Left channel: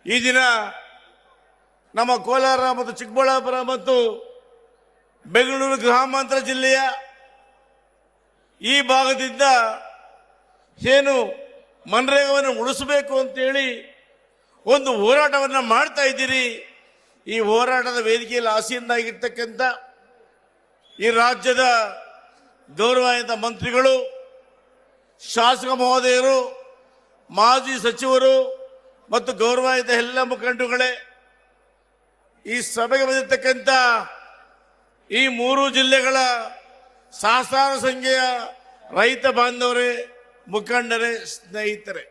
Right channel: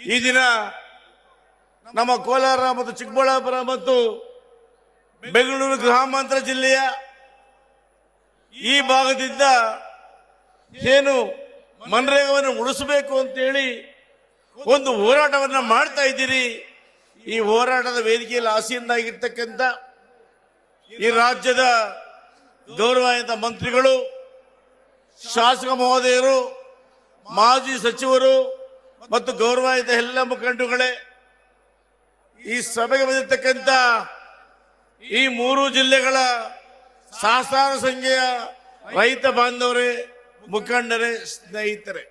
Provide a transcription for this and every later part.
ಈ ದಿನ ನಮ್ಮ ಕೋಲಾರ ಮತ್ತು ಚಿಕ್ಕಬಳ್ಳಾಪುರ ಮತ್ತು ಬೆಂಗಳೂರು ಗ್ರಾಮಾಂತರ ಜಿಲ್ಲೆಯ ಈ ಭಾಗದಿಂದ ಏನು ಮನ್ರೇಗಾವನ್ನು ಉಳಿಸಬೇಕು ಅಂತ ಹೇಳಿ ಒಂದು ಹೋರಾಟವನ್ನ ಮಾಡ್ತಾ ಇದ್ದೀರಿ. ಈ ಹೋರಾಟದ ವೇದಿಕೆಯಲ್ಲಿ ಆಸೀನರಾಗಿರ್ತಕ್ಕಂಥ ಈ ರಾಜ್ಯದ ಗೌರವಾನ್ವಿತ ಮಂತ್ರಿಗಳು, ಶಾಸಕ ಮಹೋದಯರು, ಮಾಜಿ ಸಚಿವರು ಮತ್ತು ಗೌರವಾನ್ವಿತ ಎಲ್ಲ ಮುಖಂಡರುಗಳೇ, ಈ ಸಭೆಗೆ ಬಂದಿರತಕ್ಕಂಥ ಈ ಮೂರು ಜಿಲ್ಲೆಗಳ ಸಹಸ್ರಾರು ಸಂಖ್ಯೆಯ ರೈತ ಬಾಂಧವರೇ, ಮುಖಂಡರೇ, ಸ್ನೇಹಿತರೆ,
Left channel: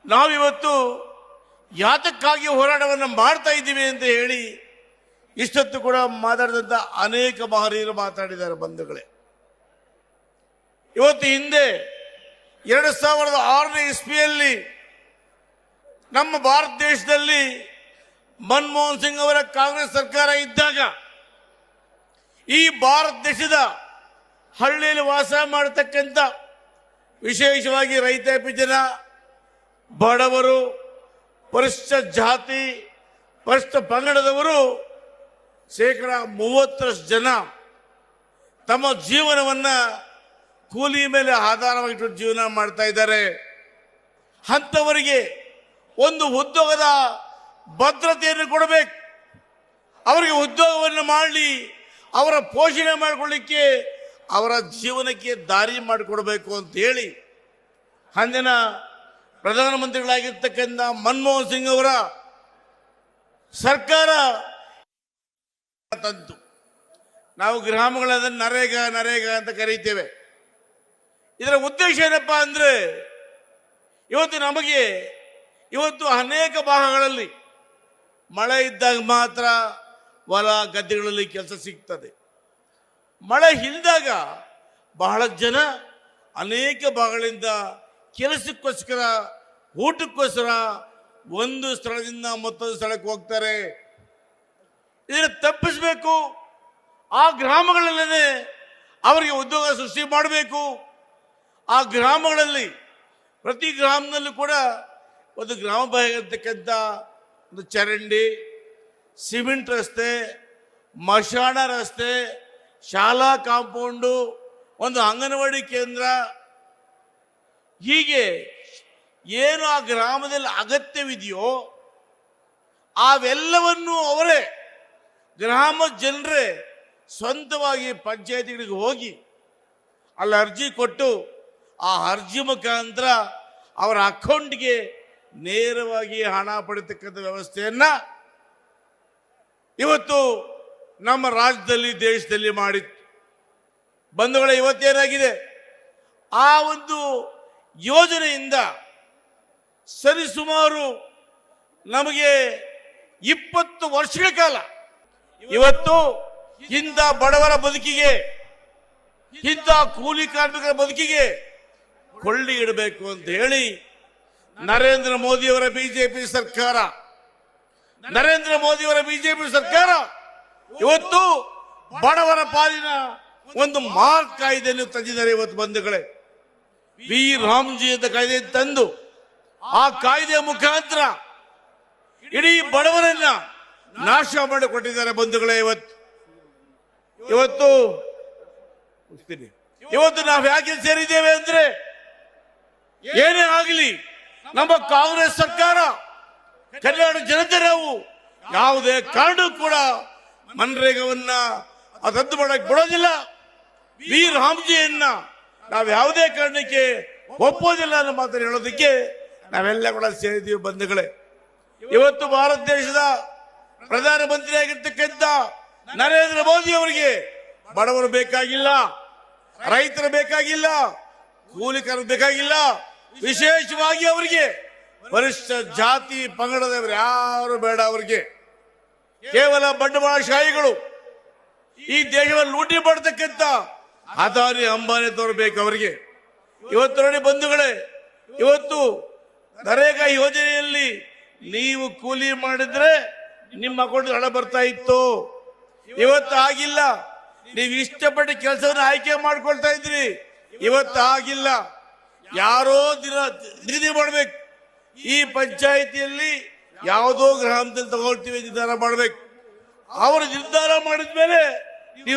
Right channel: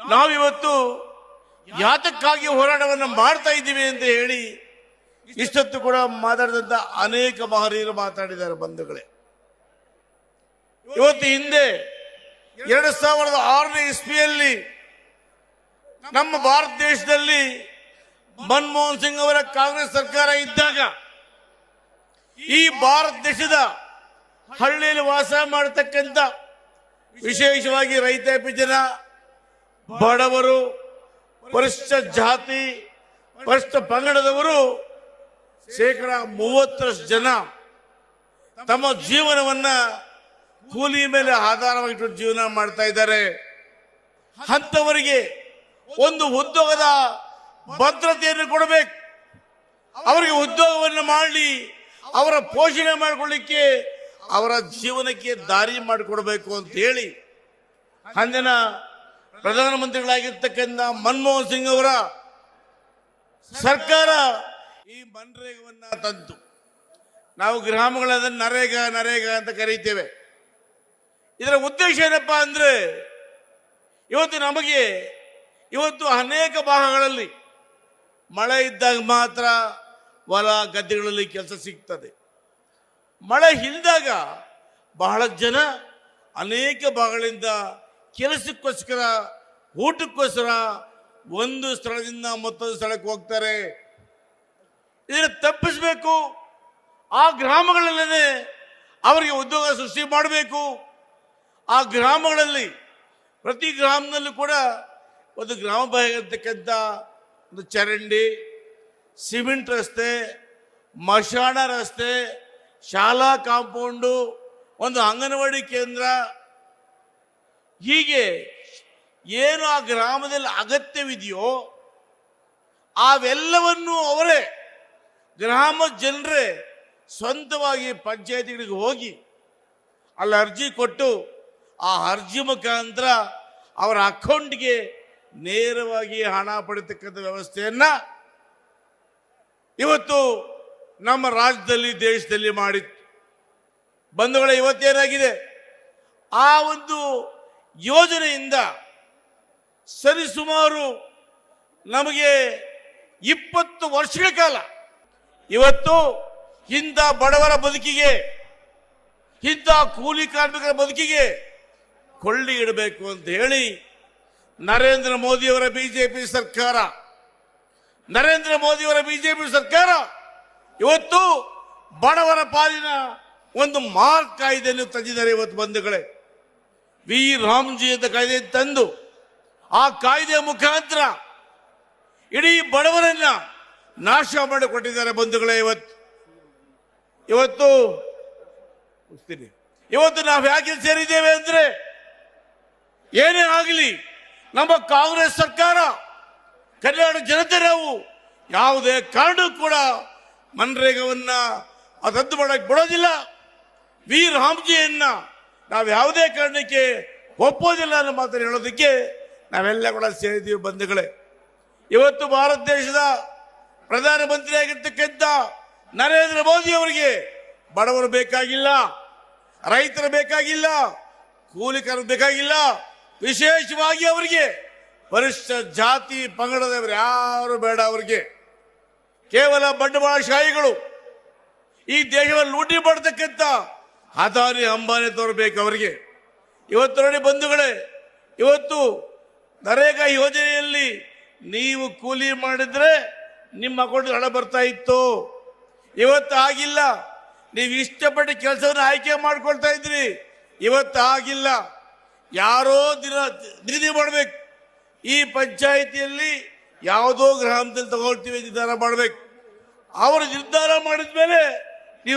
ನಾವಿವತ್ತು ಯಾತಕ್ಕಾಗಿ ಹೋರಾಟವನ್ನು ಮಾಡ್ತಾ ಇದ್ದೀವಿ ಅಂತ ಹೇಳಿ ಇಷ್ಟೊತ್ತು ಕೂಡ ಮಾತಾಡಿದಂತ ಅನೇಕ ಮಹನೀಯರು ಮಾತಾಡಿದ್ದಾರೆ. ಬಂಧುಗಳೇ, ಇವತ್ತು ಹಿಂದೆ 2006ನೇ ಇಸ್ವಿಯಲ್ಲಿ ನಮ್ಮ ಭಾರತ ದೇಶದಲ್ಲಿ ಮನಮೋಹನ್ ಸಿಂಗ್ ಅವರ ಕಾಂಗ್ರೆಸ್ ಸರ್ಕಾರ ಇದ್ದಾಗ ಈ ಭಾರತ ದೇಶದ ಹಳ್ಳಿಯಲ್ಲಿ ವಾಸ ಮಾಡತಕ್ಕಂಥ ವಿಶೇಷವಾಗಿ ರೈತಾಪಿ ಜನ, ಬಡವರು, ಪರಿಶಿಷ್ಟ ಜಾತಿ, ಪರಿಶಿಷ್ಟ ಪಂಗಡದವರು 30% ಜನ ತಮ್ಮ ಜೀವನವನ್ನ ಕೂಲಿ ಮೇಲೆ ಆಧಾರವಾಗಿ ಜೀವನ ಮಾಡ್ತಾ ಇದ್ದಾರೆ. ಅಂತವರಿಗೆ ಒಂದು ಉದ್ಯೋಗದ ಭದ್ರತೆಯನ್ನು ಕೊಡಬೇಕು, ಅವರಿಗೆ ಉದ್ಯೋಗವನ್ನು ಮಾಡಿ ಅವರ ಪೋಷಣೆ ಮಾಡಿಕೊಳ್ಳಿಕ್ಕೆ, ಅವರ ಜೀವನಕ್ಕೆ ದಾರಿ ಮಾಡಿಕೊಡಬೇಕು ಅಂತ ಹೇಳಿ ಅಂದಿನ ಪ್ರಧಾನಮಂತ್ರಿಗಳಾಗಿರ್ತಕ್ಕಂಥ ಮನಮೋಹನ್ ಸಿಂಗ್ ಅವರ ಸರ್ಕಾರ ಈ ಮನ್ರೇಗಾವನ್ನ ತಂತು. ನಾವು ಗ್ರಾಮಗಳಲ್ಲಿ ನರೇಗಾ ನರೇಗಾ ಅಂತ ಕರೀತೇವೆ. ಇದರ ಉದ್ದೇಶ ಏನಪ್ಪಾ ಅಂದ್ರೆ, ಇವತ್ತು ಅನೇಕ ಭಾಗಗಳಲ್ಲಿ ಮಳೆ ಇದ್ದಾಗ ಮಾತ್ರ ಹೊಲ ಗದ್ದೆಗಳಲ್ಲಿ ಕೆಲಸ ಸಿಗ್ತದೆ. ಮಳೆ ಇಲ್ಲದಾಗ ಬಹಳ ಜನ ಅನೇಕ ಭಾಗಗಳಿಂದ ಕೆಲಸಕ್ಕೋಸ್ಕರ, ಊಟಕ್ಕೋಸ್ಕರ ಒಂದು ಸ್ಥಳದಿಂದ ಮತ್ತೊಂದು ಸ್ಥಳಕ್ಕೆ ಹೋಗ್ತಾರೆ. ಇದನ್ನು ತಪ್ಪಿಸಬೇಕು. ಆ ಗ್ರಾಮಗಳಲ್ಲೇ ಅವರಿಗೆ ಉದ್ಯೋಗ ಸೃಷ್ಟಿ ಮಾಡಬೇಕು. ಆ ಗ್ರಾಮಗಳಲ್ಲಿ ಪ್ರತಿ ಗ್ರಾಮದಲ್ಲೂ ಕೂಡ ಒಂದು ಗ್ರಾಮ ಬಾಗಿರ್ತಕ್ಕಂಥ ಒಂದು ಚರಂಡಿ, ಸಿಮೆಂಟ್ ರಸ್ತೆ, ಮಶಾಣ ರಸ್ತೆ, ಶಾಲಾ ಕಾಂಪೌಂಡು, ಒಂದು ಅಂಗನವಾಡಿ ಕೇಂದ್ರ, ಹೀಗೆ ಏನು ಆ ಗ್ರಾಮದಲ್ಲಿ ಅಗತ್ಯವಿದೆಯೋ ಅವೆಲ್ಲವನ್ನೂ ಅವರೇ ಗ್ರಾಮ ಜನರೇ ಸ್ವಂತವಾಗಿ ಪಂಚಾಯತಿಗಳಿಗೆ ಹೋಗಿ ಅಲ್ಲಿ ಅರ್ಜಿ ಕೊಟ್ಟು ಆ ಅರ್ಜಿ ಮುಖಾಂತರ ಅವರ ಅಕೌಂಟ್ಗೆ ನೇರವಾಗಿ ಹಣ ಪಡೆತಕ್ಕಂಥ ವ್ಯವಸ್ಥೆಯನ್ನ ಇವತ್ತು ನಮ್ಮ ರಾಜ್ಯದಲ್ಲಿ, ದೇಶದಲ್ಲಿ ಮಾಡಿತ್ತು. ಬಂಧುಗಳೇ, ಇವತ್ತೇನಾಗಿದೆ, ಆ ಒಂದು ಯೋಜನೆಯಿಂದ ಸರಿಸುಮಾರು ನಮಗೆ 20 ವರ್ಷಗಳ ಕಾಲ ಇವತ್ತು ಇಂಥ ಬಡವರ ಬದುಕಿಗೆ, ಇಂಥ ಕೂಲಿ ಕಾರ್ಮಿಕರ ಬದುಕಿಗೆ ಕೊಳ್ಳಿ ಇಡಬೇಕು ಅಂತ ಹೇಳಿ ನರೇಂದ್ರ ಮೋದಿಯವರ ಬಿಜೆಪಿ ಸರ್ಕಾರ ಇವತ್ತು ಬಡವರ ಪಾಲಿನ ಒಂದು ಮಹಾನ್ ಕಾಯ್ದೆಯನ್ನು ತಂದಿದ್ದಾರೆ. ಇವತ್ತು ಬಂಧುಗಳೇ, ವಿ ರಾಮ್ಜಿ ಅಂತ ಕಾಯ್ದೆ ತಂದು ಆ ಕಾಯ್ದೆಯ ಮುಖಾಂತರ ಇಡೀ ಬಡವರನ್ನ ನಾಶ ಮಾಡಿಕೊಟ್ಟಿದ್ದಾರೆ. ಬಂಧುಗಳೇ, ಇವತ್ತು ನಾವು ಯಾಕೆ ಸೇರಿದ್ದೇವೆ ಅಂದ್ರೆ, ಏನೇ ಆಗಲಿ ನಮ್ಮ ಕಾಂಗ್ರೆಸ್ ಸರ್ಕಾರ, ಕರ್ನಾಟಕ ಜನತೆ ನಾವು ಯಾವುದೇ ಕಾರಣಕ್ಕೂ ಕೂಡ ಮನ್ರೇಗಾವನ್ನ ರದ್ದು ಮಾಡಕ್ಕೆ ಬಿಡೋದಿಲ್ಲ. ವಿ ರಾಮ್ಜಿಯನ್ನ ನಾವು ಯಾವುದೇ ಕಾರಣಕ್ಕೆ ಒಪ್ಪೋದಿಲ್ಲ ಅನ್ನೋ ಮಾತನ್ನು ಹೇಳೋದಕ್ಕೆ ನಾವೆಲ್ಲ ಕೂಡ ಸೇರಿದ್ದೀವಿ. ಬಂಧುಗಳೇ, ಇವತ್ತು ಭಾರತ ದೇಶದ ಪ್ರಧಾನಮಂತ್ರಿ ಆಗಿರ್ತಕ್ಕಂಥ ನರೇಂದ್ರ ಮೋದಿ ಅವರಿಗೆ ಬಡವರು ಬೇಕಾಗಿಲ್ಲ, ರೈತರು ಬೇಕಾಗಿಲ್ಲ, ಕೂಲಿಕರು ಬೇಕಾಗಿಲ್ಲ, ವಿಶೇಷವಾಗಿ ಅವರಿಗೆ ಪರಿಶಿಷ್ಟ ಜಾತಿ ಪಂಗಡದವರು ಯಾರು ಬೇಡ. ಅವರಿಗೆ ಕೇವಲ ಬಂಡವಾಳಶಾಹಿಗಳು ಈ ದೇಶವನ್ನು ಲೂಟಿ ಮಾಡತಕ್ಕಂಥ ಅದಾನಿ ಅಂಬಾನಿ ತೋರಬೇಕು ಅವರಿಗೆ. ಇವತ್ತು ನೋಡಿ ಬಂಧುಗಳೇ, ಇವತ್ತು ನರೇಗಾ ಯೋಜನೆಯಲ್ಲಿ ನೀವು ಕೂಲಿ ಮಾಡಿದ್ರೆ ನಿಮ್ಮ ಅಕೌಂಟ್ ಹಣ ಬರ್ತಾ ಇತ್ತು. ಇವತ್ತು ಆಗಿಲ್ಲ. ನೀವು ಇಷ್ಟಪಟ್ಟು ಕೆಲಸವನ್ನು ಆಯ್ಕೆ ಮಾಡ್ಕೊಳ್ತಾ ಇದ್ರಿ, ಇವತ್ತು ಆಗಿಲ್ಲ. ಯಾರೋ ನಿಗದಿ ಮಾಡಬೇಕು. ಈ ಪಂಚಾಯಿತಿ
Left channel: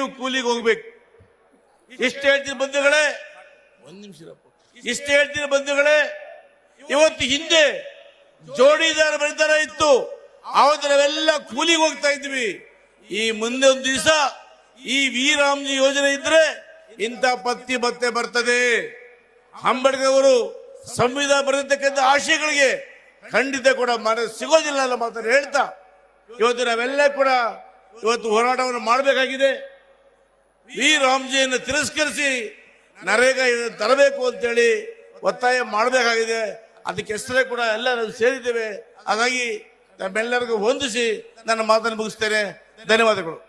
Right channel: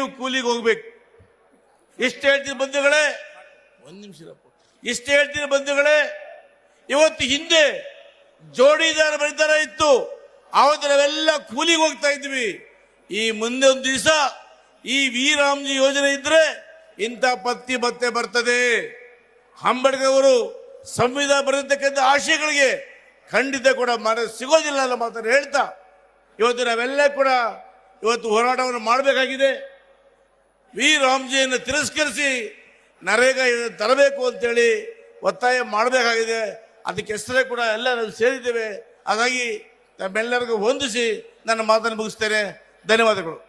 ಕೂಲಿಗೆ ಹೋಗ್ಬೇಕು. ಇಷ್ಟು ಹೇಳ್ತೀನಿ ಬಂಧುಗಳೇ, ಒಂದ್ ನಿಮಿಷ ಇಷ್ಟು ಹೇಳ್ತೀನಿ ಬಂಧುಗಳೇ. ಇವತ್ತು ಹಿಂದೆ ಜೋಡಿದಾರ ಬಡಿದಾರ ಇತ್ತು, ಆವತ್ತು ನಾವೆಲ್ಲ ಕೂಲಿಗೆ ಹೋಗ್ತಾ ಇದ್ವಿ. ಈ ಮುಂದೆ ಒಂದು ದಿವಸ ಈ ವಿ-ರಾಮ್ಜಿ ಯೋಜನೆ ಇದ್ರೆ ಇಂಥ ಪತ್ತಿ ಭತ್ತೆ ಬರ್ತದೆ. ಅಂಬೇಡ್ಕರ್ ಅವರು ಸಂವಿಧಾನ ಬರೆದಿರ್ತಕ್ಕಂಥ ಆಶಯಗಳಿಗೆ ಖಂಡಿತ ಕೂಡ ಮನ ಸಿಗೋದಿಲ್ಲ ಅನ್ನೋ ಮಾತನ್ನು ಹೇಳ್ತಾ ಇವತ್ತು ನಾವೆಲ್ಲ ಕೂಡ ಇವತ್ತು ಹೋರಾಟವನ್ನು ಮಾಡಬೇಕಾಗಿದೆ. ವಿ-ರಾಮ್ಜಿಯನ್ನು ತಿರಸ್ಕರಿಸಿ ನರೇಗಾ ತರಬೇಕು ಅಂತೇಳಿ ಒತ್ತಾಯ ಮಾಡಬೇಕಾಗಿದೆ. ಅದಕ್ಕೆ ಹೆಸರೇ ಕೂಡ ಎಲ್ಲ ನಾವು ಸೇರಿದ್ದೇವೆ. ಹಾಗಾಗಿ ನಮ್ಮೆಲ್ಲರಿಗೂ ಹೊಂದಿಸಿ ನನ್ನ ಮಾತನ್ನು ಮುಗಿಸ್ತೇನೆ. ಧನ್ಯವಾದಗಳು.